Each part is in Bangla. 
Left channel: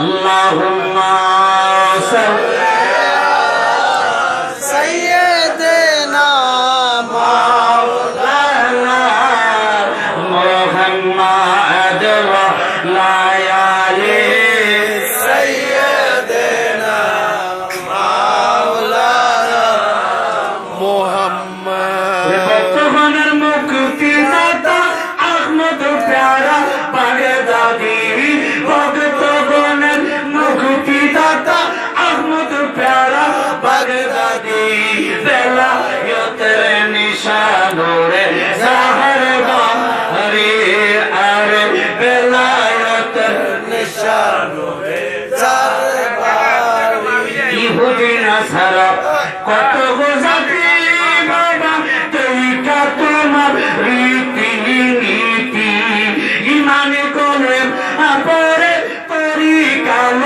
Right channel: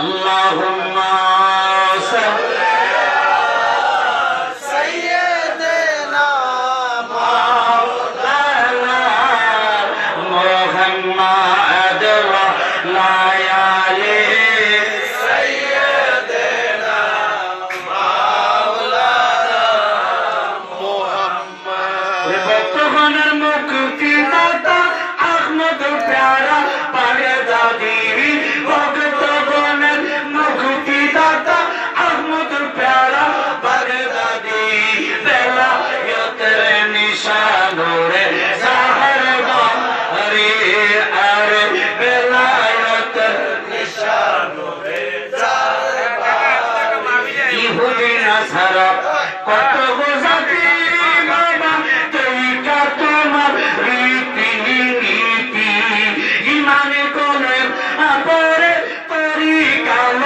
আল্লাহুম্মা সাইয়্যিদিনা মাওলানা মুহাম্মাদ ওয়া আলি সাইয়্যিদিনা মাওলানা মুহাম্মাদ বর্তমানের মুক্তিদাতা আহমদ প্যারা বাগদাদি ভক্তগণের মুক্তিদাতা আহমদ প্যারা বাগদাদি বেলায়েতের নিশানুরে জাহর বাহরি আর বেলায়েতের নিশানুরে জাহর বাহরি ইহুদি নাসারা কত গোজাতি বাবা তৈকা তোমার রীতি নীতি ইমানে কোনে আপরে তরিকার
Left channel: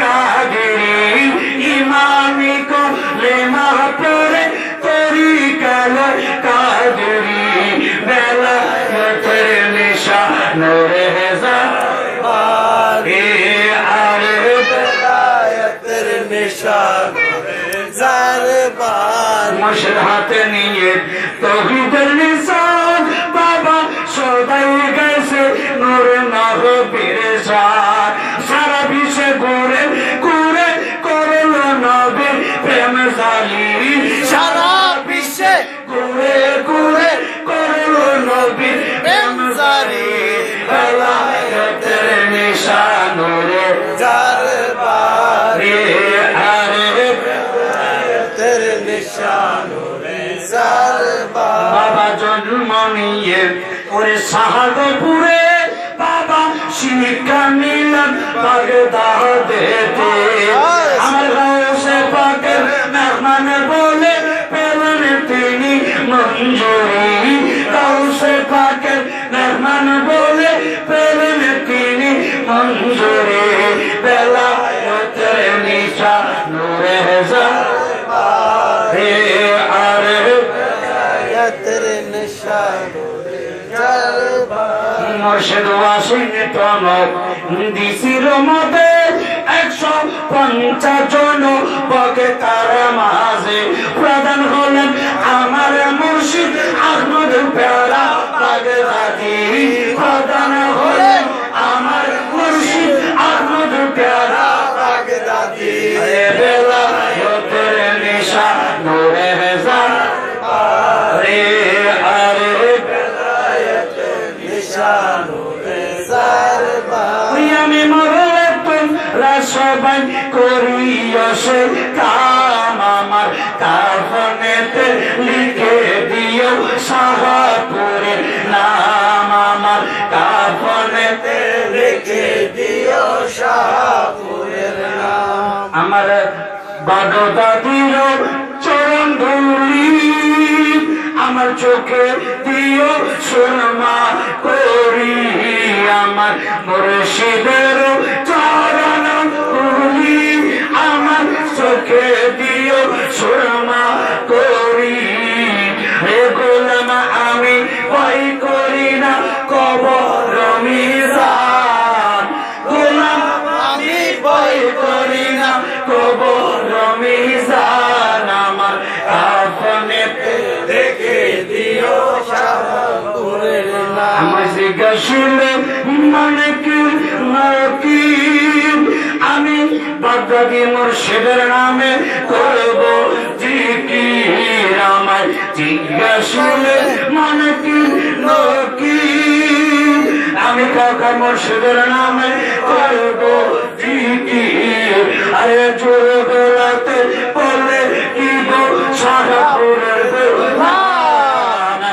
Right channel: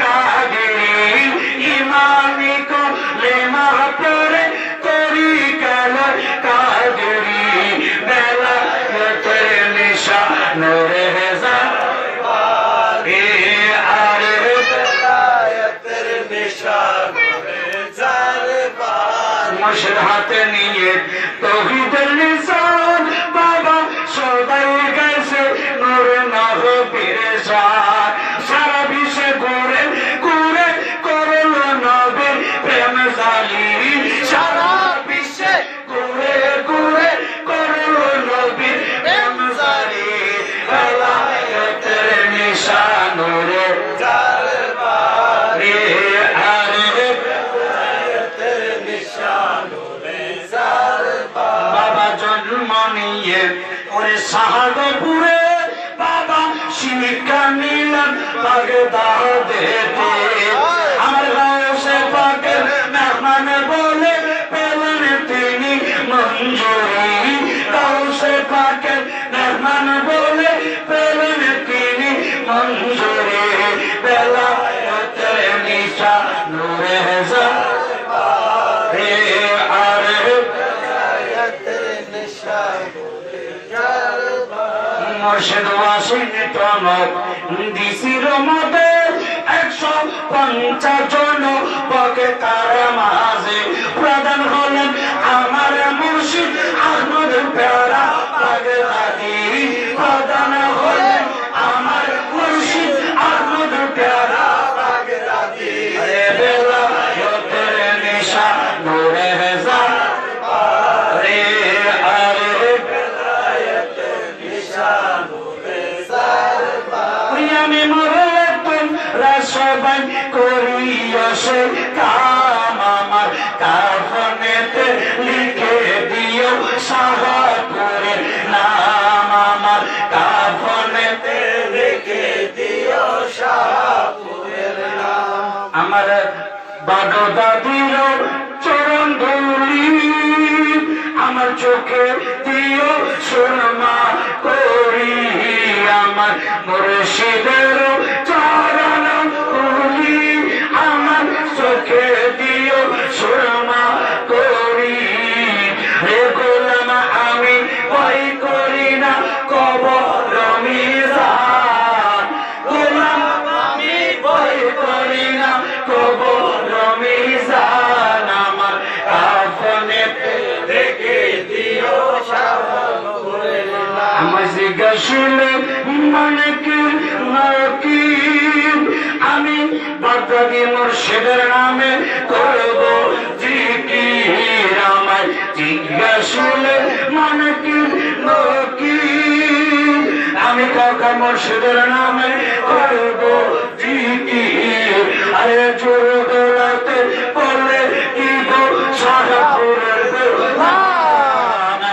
কাগিরি ইমানে কোনে মাপরে তরিকার কাগিরি বেলায়েতে নিশানুরে জাহর আরে বেলায়েতের নিশানুরে জাহর মুশর হাতে নিয়ে তৌহিদের নিশান বাবা সদাই গেছে নূর নবীর সাথ সারা বিশ্বে ঘুরে ঘুরে করল নবীর প্রেম জালি সারা বিশ্বে ঘুরে ঘুরে করল নবীর প্রেম জালি বেলায়েতের নিশানুরে জাহর আরে বেলায়েতের নিশানুরে জাহর বাবা জন্ম নিয়ে ওরে শাহজাপুরে বাবা শিক্ষা নিলেন বাগদাদেতে আমার গাওসে পাকের মেহমান বলে পেলেন তিনি মঞ্জুরি গাওসে পাকের মেহমান বলে পেলেন তিনি মঞ্জুরি বেলায়েতের নিশানুরে জাহর আরে বেলায়েতের নিশানুরে মুর্শিদ ওয়াশিংটন ডিসির মধ্যে 150 জন বক্তার মাঝে প্রধান হলেন আমার মুর্শিদ আহমদ প্যারা বাগদাদি প্রধান হলেন আমার মুর্শিদ আহমদ প্যারা বাগদাদি বেলায়েতের নিশানুরে জাহর আরে বেলায়েতের নিশানুরে জাহর আমি মরলে তোমরা সবাই করিয়সে কাম আমার কাফনেতে লিখে দিও শাহপুরের নাম আমার কাফনেতে লিখে দিও শাহপুরের নাম আমার বাগদাদির চরণ ধুলি আমার চোখে দিও সুরমা করি আমার মুর্শিদের চরণ ধুলি আমার চোখে দিও সুরমা করি হে গোলাম আমি ভয় করি না কবর মিজান গোলাম আমি ভয় করি না কবর মিজান আমার কাফনেতে রেখে দিও শাহপুরের নাম আমার জিজ্ঞাসলে মালিকের নকিব আমি বাগদাদি মুর্শিদের নামে করব জিকির আমার জিজ্ঞাসলে মালিকের নকিব আমি কাকা মুর্শিদের নামে করব জিকির আরে জোরে